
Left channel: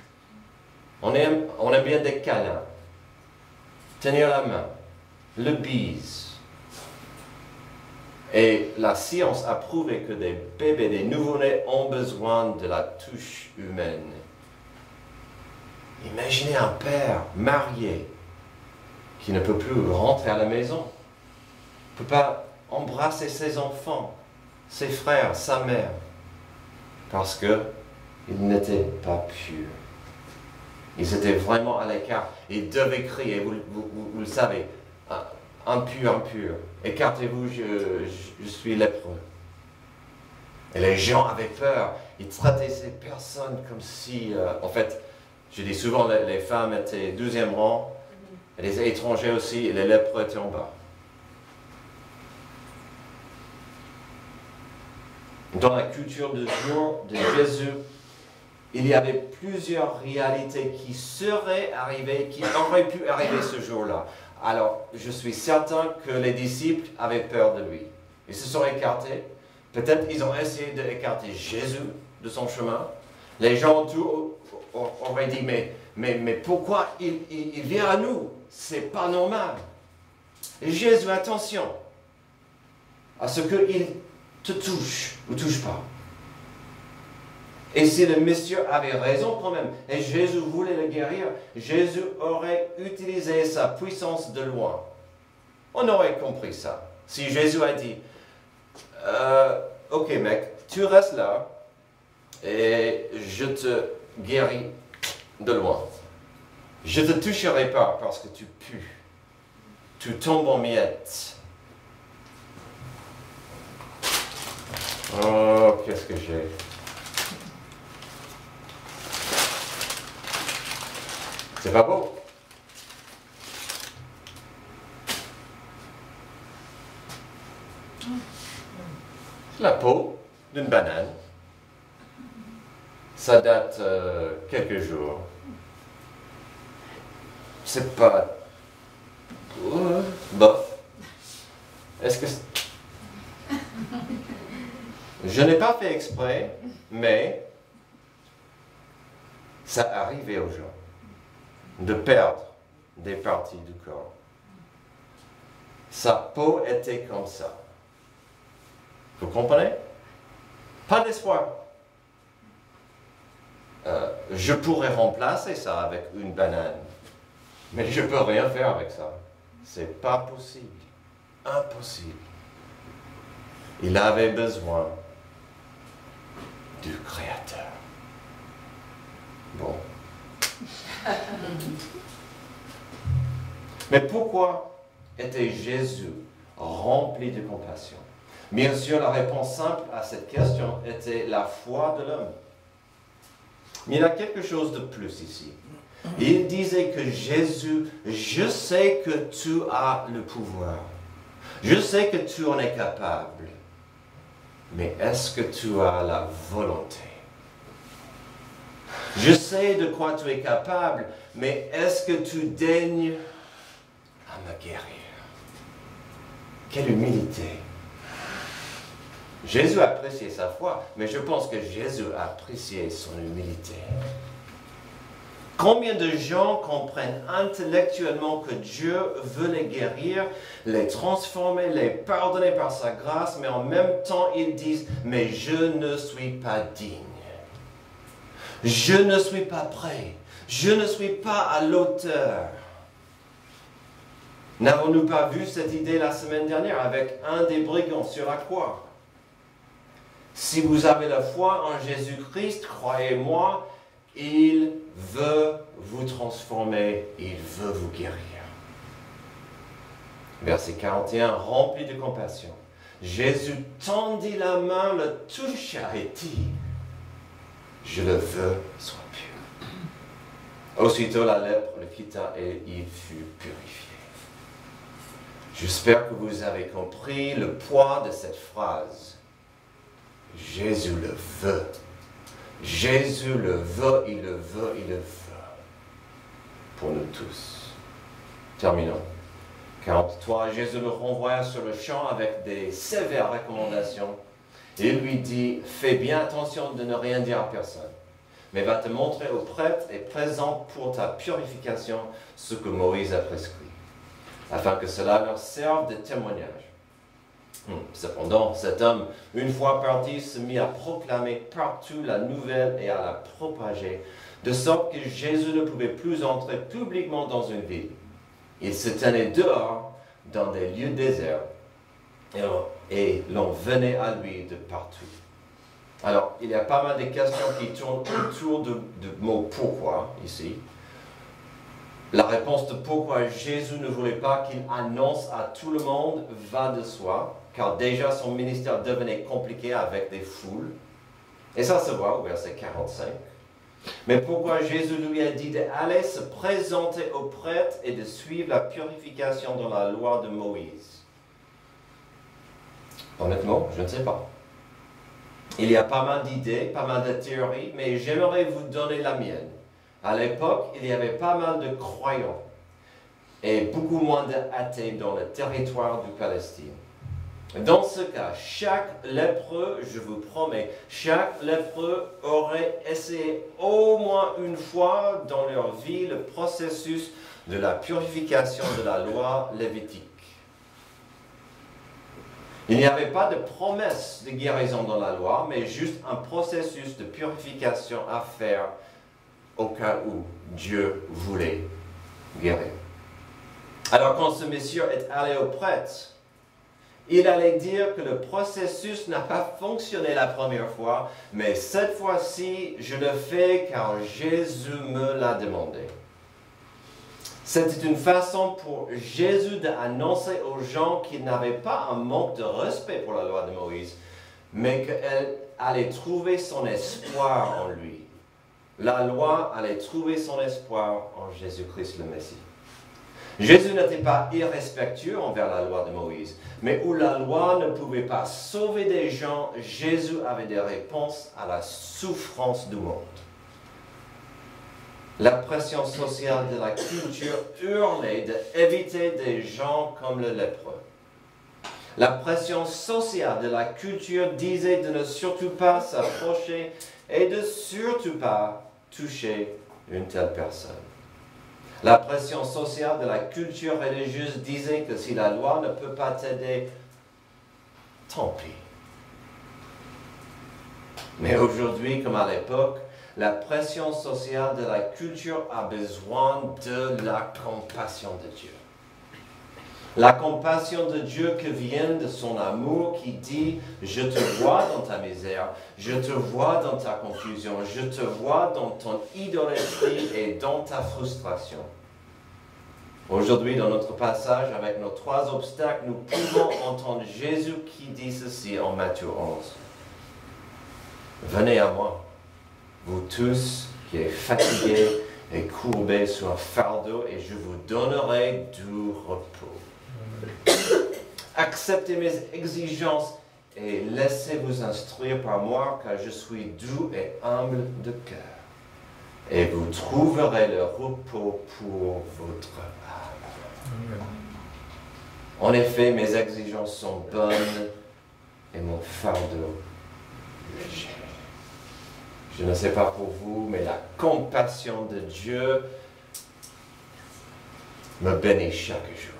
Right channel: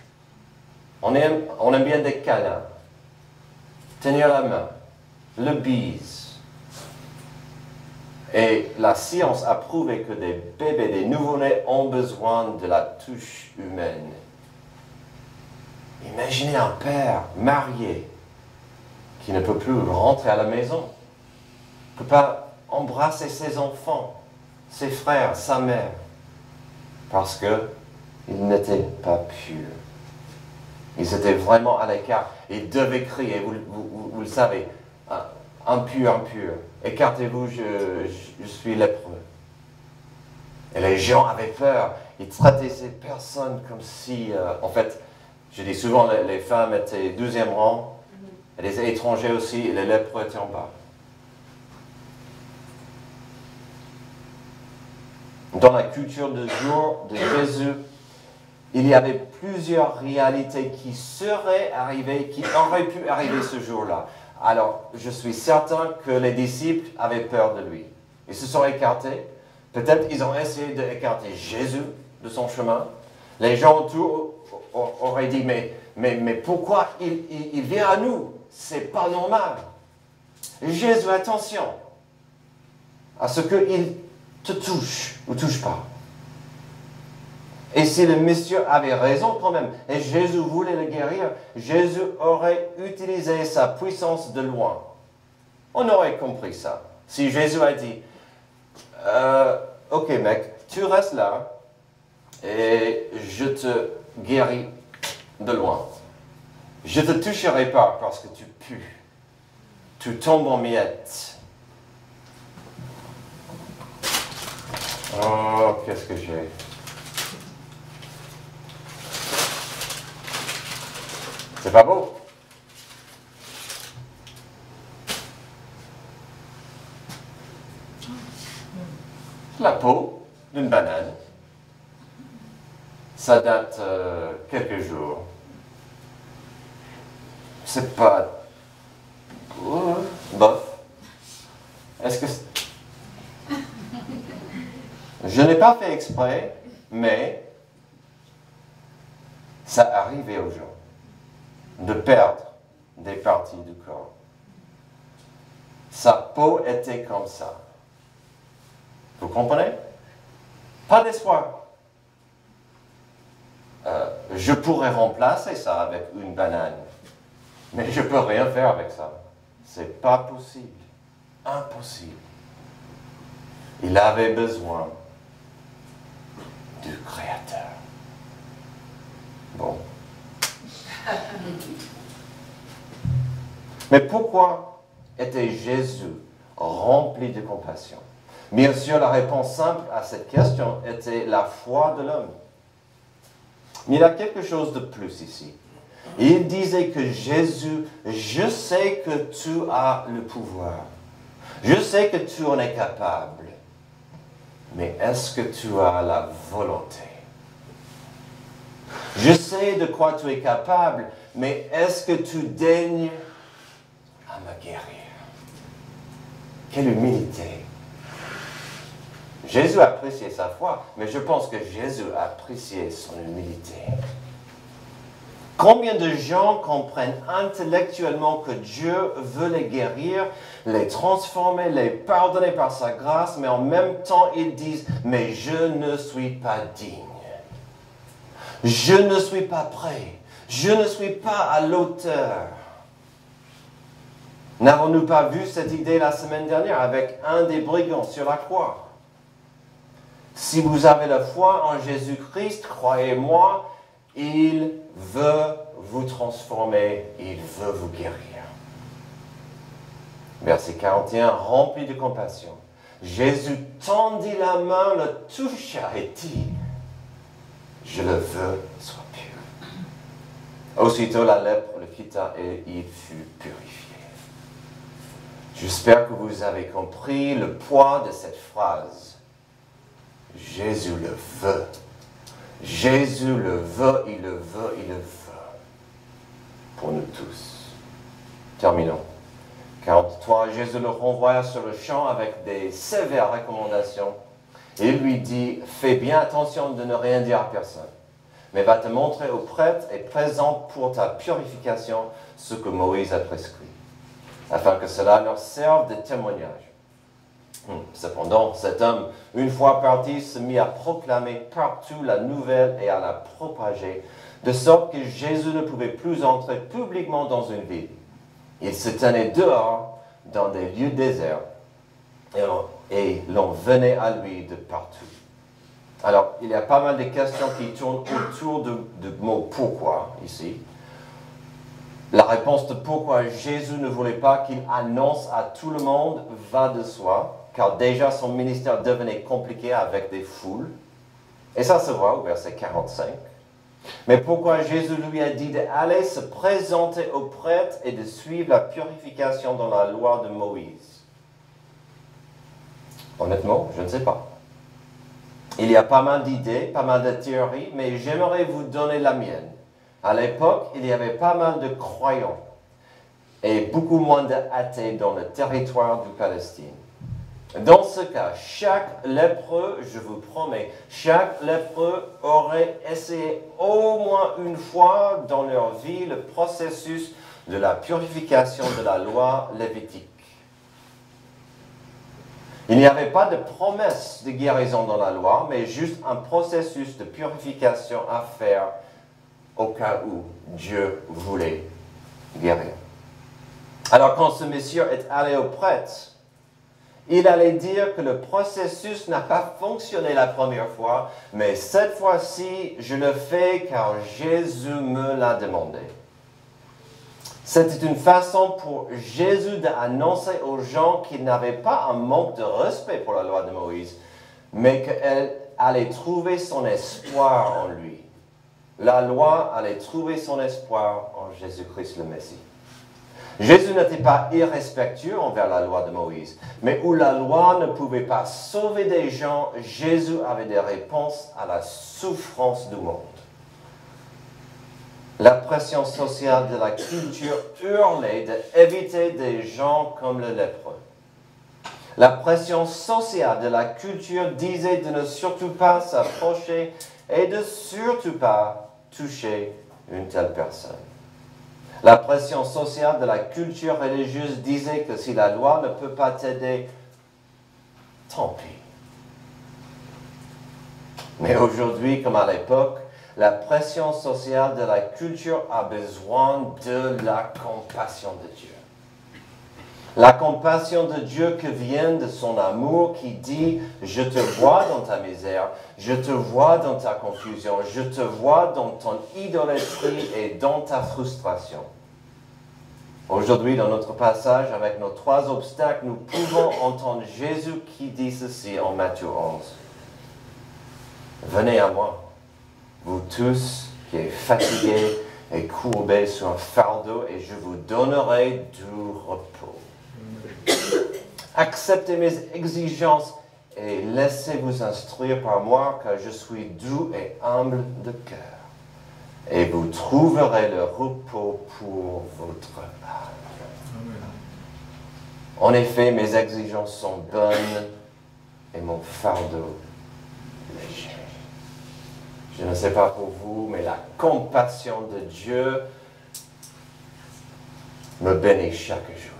On aime bien des câlins, tenir la main, le bise. Et la science a prouvé que des bébés, des nouveau-nés ont besoin de la touche humaine. Imaginez un père marié qui ne peut plus rentrer à la maison, ne peut pas embrasser ses enfants, ses frères, sa mère, parce qu'ils n'étaient pas purs. Ils étaient vraiment à l'écart. Ils devaient crier, vous le savez, impur, impur, écartez-vous, je suis lépreux. Et les gens avaient peur. Ils traitaient ces personnes comme si, en fait, je dis souvent, les femmes étaient 12e rang, et les étrangers aussi, et les lépreux étaient en bas. Dans la culture de jour de Jésus, il y avait plusieurs réalités qui seraient arrivées, qui auraient pu arriver ce jour-là. Alors, je suis certain que les disciples avaient peur de lui. Ils se sont écartés. Peut-être ils ont essayé d'écarter Jésus de son chemin. Les gens autour auraient dit, mais pourquoi il vient à nous? C'est pas normal. Et Jésus, attention à ce qu'il te touche ou touche pas. Et si le monsieur avait raison quand même, et Jésus voulait le guérir, Jésus aurait utilisé sa puissance de loin. On aurait compris ça. Si Jésus a dit, ok mec, tu restes là, et je te guéris de loin. Je ne te toucherai pas parce que tu pues. Tu tombes en miettes. Oh, qu'est-ce que j'ai? C'est pas beau. C'est la peau d'une banane. Ça date quelques jours. C'est pas bof. Est-ce que je n'ai pas fait exprès, mais ça arrivait aux gens de perdre des parties du corps. Sa peau était comme ça. Vous comprenez? Pas d'espoir. Je pourrais remplacer ça avec une banane, mais je ne peux rien faire avec ça. C'est pas possible. Impossible. Il avait besoin du Créateur. Bon. Mais pourquoi était Jésus rempli de compassion? Bien sûr, la réponse simple à cette question était la foi de l'homme. Mais il y a quelque chose de plus ici. Il disait que Jésus, je sais que tu as le pouvoir. Je sais que tu en es capable. Mais est-ce que tu as la volonté? Je sais de quoi tu es capable, mais est-ce que tu daignes à me guérir? Quelle humilité! Jésus appréciait sa foi, mais je pense que Jésus appréciait son humilité. Combien de gens comprennent intellectuellement que Dieu veut les guérir, les transformer, les pardonner par sa grâce, mais en même temps ils disent « mais je ne suis pas digne. Je ne suis pas prêt. Je ne suis pas à l'auteur. » N'avons-nous pas vu cette idée la semaine dernière avec un des brigands sur la croix? Si vous avez la foi en Jésus-Christ, croyez-moi, il veut vous transformer, il veut vous guérir. Verset 41, rempli de compassion. Jésus tendit la main, le toucha et dit, « Je le veux, sois pur. » Aussitôt la lèpre le quitta et il fut purifié. J'espère que vous avez compris le poids de cette phrase. Jésus le veut. Jésus le veut, il le veut, il le veut. Pour nous tous. Terminons. 43, Jésus le renvoya sur le champ avec des sévères recommandations. Et il lui dit, fais bien attention de ne rien dire à personne, mais va te montrer au prêtre et présente pour ta purification ce que Moïse a prescrit, afin que cela leur serve de témoignage. Cependant, cet homme, une fois parti, se mit à proclamer partout la nouvelle et à la propager, de sorte que Jésus ne pouvait plus entrer publiquement dans une ville. Il se tenait dehors, dans des lieux déserts, et l'on venait à lui de partout. Alors, il y a pas mal de questions qui tournent autour du mot « pourquoi » ici. La réponse de pourquoi Jésus ne voulait pas qu'il annonce à tout le monde va de soi, car déjà son ministère devenait compliqué avec des foules. Et ça se voit au verset 45. Mais pourquoi Jésus lui a dit d'aller se présenter au prêtre et de suivre la purification dans la loi de Moïse? Honnêtement, je ne sais pas. Il y a pas mal d'idées, pas mal de théories, mais j'aimerais vous donner la mienne. À l'époque, il y avait pas mal de croyants et beaucoup moins d'athées dans le territoire du Palestine. Dans ce cas, chaque lépreux, je vous promets, chaque lépreux aurait essayé au moins une fois dans leur vie le processus de la purification de la loi lévitique. Il n'y avait pas de promesse de guérison dans la loi, mais juste un processus de purification à faire au cas où Dieu voulait guérir. Alors quand ce monsieur est allé au prêtre, il allait dire que le processus n'a pas fonctionné la première fois, mais cette fois-ci, je le fais car Jésus me l'a demandé. C'était une façon pour Jésus d'annoncer aux gens qu'il n'avait pas un manque de respect pour la loi de Moïse, mais qu'elle allait trouver son espoir en lui. La loi allait trouver son espoir en Jésus-Christ le Messie. Jésus n'était pas irrespectueux envers la loi de Moïse, mais où la loi ne pouvait pas sauver des gens, Jésus avait des réponses à la souffrance du monde. La pression sociale de la culture hurlait d'éviter des gens comme le lépreux. La pression sociale de la culture disait de ne surtout pas s'approcher et de surtout pas toucher une telle personne. La pression sociale de la culture religieuse disait que si la loi ne peut pas t'aider, tant pis. Mais aujourd'hui, comme à l'époque, la pression sociale de la culture a besoin de la compassion de Dieu. La compassion de Dieu qui vient de son amour qui dit « Je te vois dans ta misère, je te vois dans ta confusion, je te vois dans ton idolâtrie et dans ta frustration. » Aujourd'hui, dans notre passage avec nos 3 obstacles, nous pouvons entendre Jésus qui dit ceci en Matthieu 11. « Venez à moi, vous tous qui êtes fatigués et courbés sur un fardeau, et je vous donnerai du repos. Acceptez mes exigences et laissez-vous instruire par moi, car je suis doux et humble de cœur. Et vous trouverez le repos pour votre âme. En effet, mes exigences sont bonnes et mon fardeau léger. » Je ne sais pas pour vous, mais la compassion de Dieu me bénit chaque jour.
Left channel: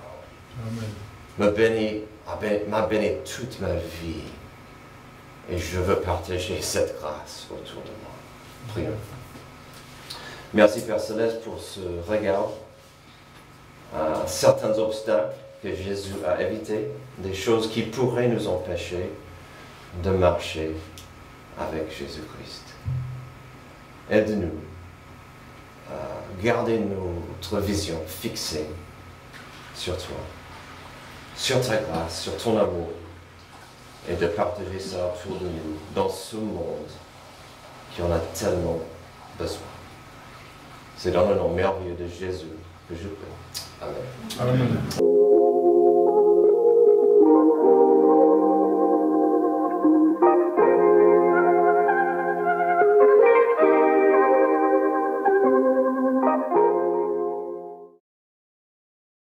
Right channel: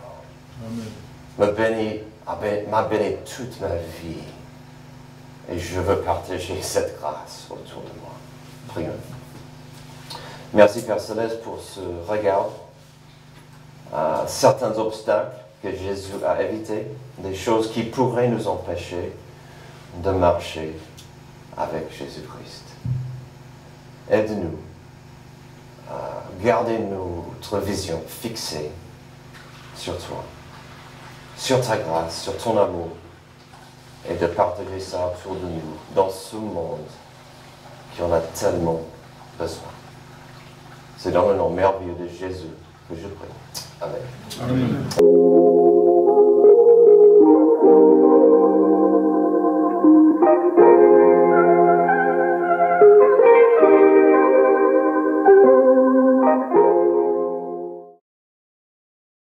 Amen. M'a béni toute ma vie. Et je veux partager cette grâce autour de moi. Prions. Merci Père Céleste pour ce regard à certains obstacles que Jésus a évités, des choses qui pourraient nous empêcher de marcher avec Jésus-Christ. Aide-nous à garder notre vision fixée sur toi, sur ta grâce, sur ton amour, et de partager ça autour de nous, dans ce monde qui en a tellement besoin. C'est dans le nom merveilleux de Jésus que je prie. Amen. Amen.